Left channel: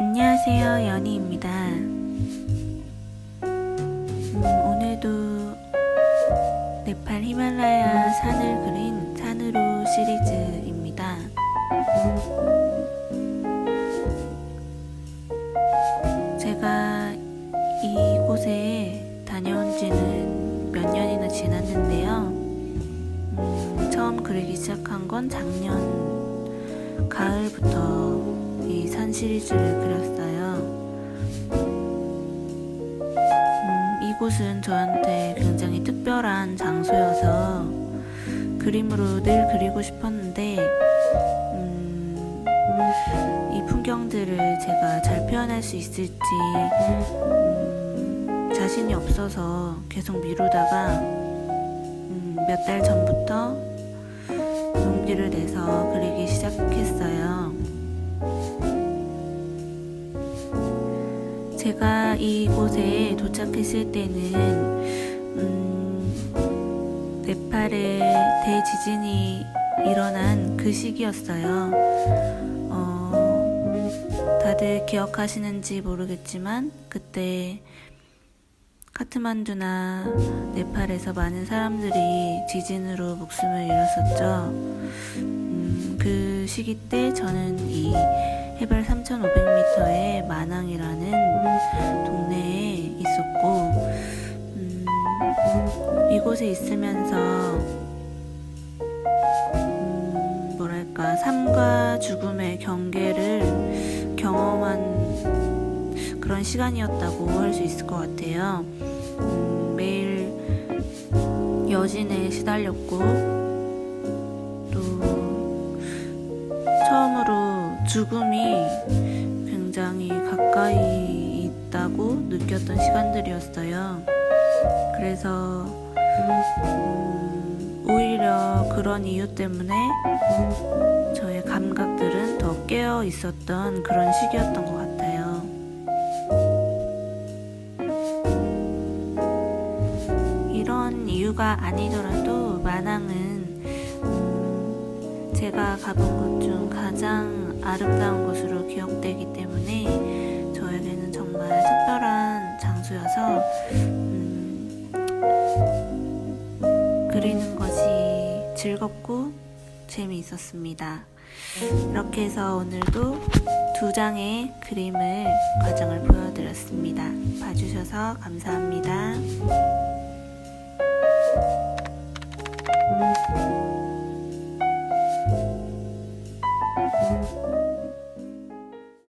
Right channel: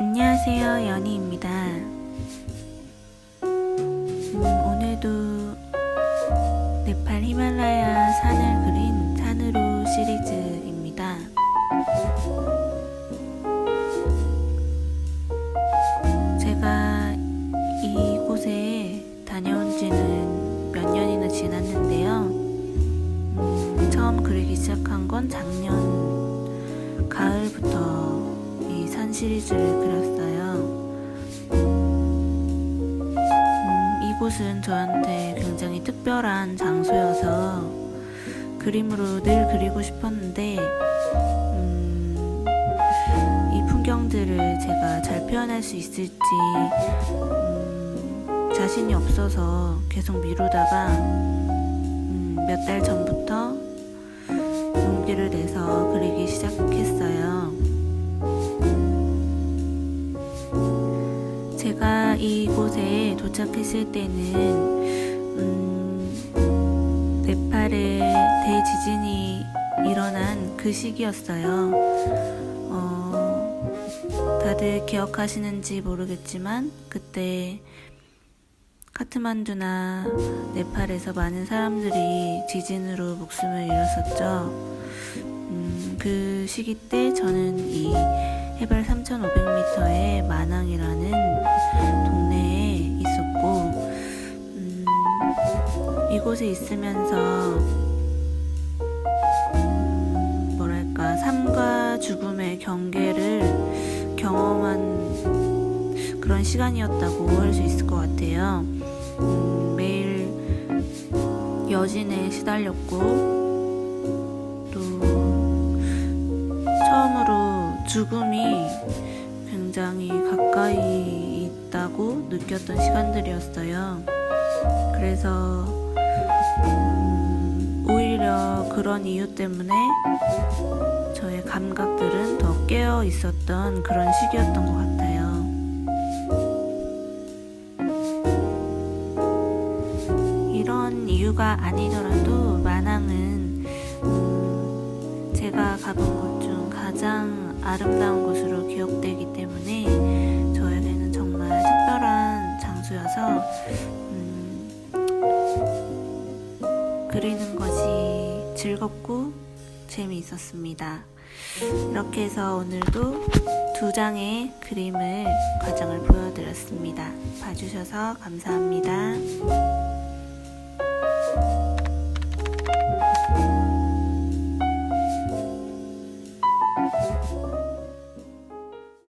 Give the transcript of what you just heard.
안녕하세요, 연희입니다. 음, 오늘도 네팔 히말라야 산을 그린 산으로 시리즈입니다. 제가 이곳에 다녀온 지는 몇 년이나 지났는데요. 음, 처음 그리기 시작한 건 작년 가을부터 이 산 시리즈를 그렸어요. 음, 이곳은 저한테 굉장히 특별한 장소여서 그림으로 늘 그리고 싶었는데, 음, 이 풍경들을 제가 잘 표현할 수 있을지, 음, 자신이 없어서 계속 미루다가, 음, 몇달 전부터 용기를 내서 그리기 시작했어요. 제가 이곳에 도착했을 때는 음, 네팔에 대지진이 일어난 그 시기였어요. 어, 다들 기억하시는지 모르겠지만 그때 카트만두나 네팔에서 많은 사람들이 지진으로 목숨을 잃었었죠. 음, 그 시기 때 저는 이 해발 3,500m의 마낭이라는 동네에 있었고, 음, 이곳에 있으면서, 음, 뭐랄까, 삶과 죽음의 경계를 경험한 그런 시간이었다고 할 수 있을 것 같아요. 음, 매일 여진에 시달렸고, 또, 처음으로 죽음이 굉장히 가까이 있다고 느꼈던 시간들이었어요. 그래서, 음, 오히려 그런 이유 때문에 저의 감각들은 더 깨어 있었던 그런 시기였던 것 같아요. 이런 이유가 아니더라도 음, 제가 가본 곳 중 가장 아름다운 곳으로 기억되기 때문에 저에게는 정말 특별한 장소여서 음, 그리는 것이 즐겁고 재미있었습니다. 이렇게 해서 오늘도 두 장의 그림을 과정을 보여드렸습니다. 봐주셔서 감사합니다.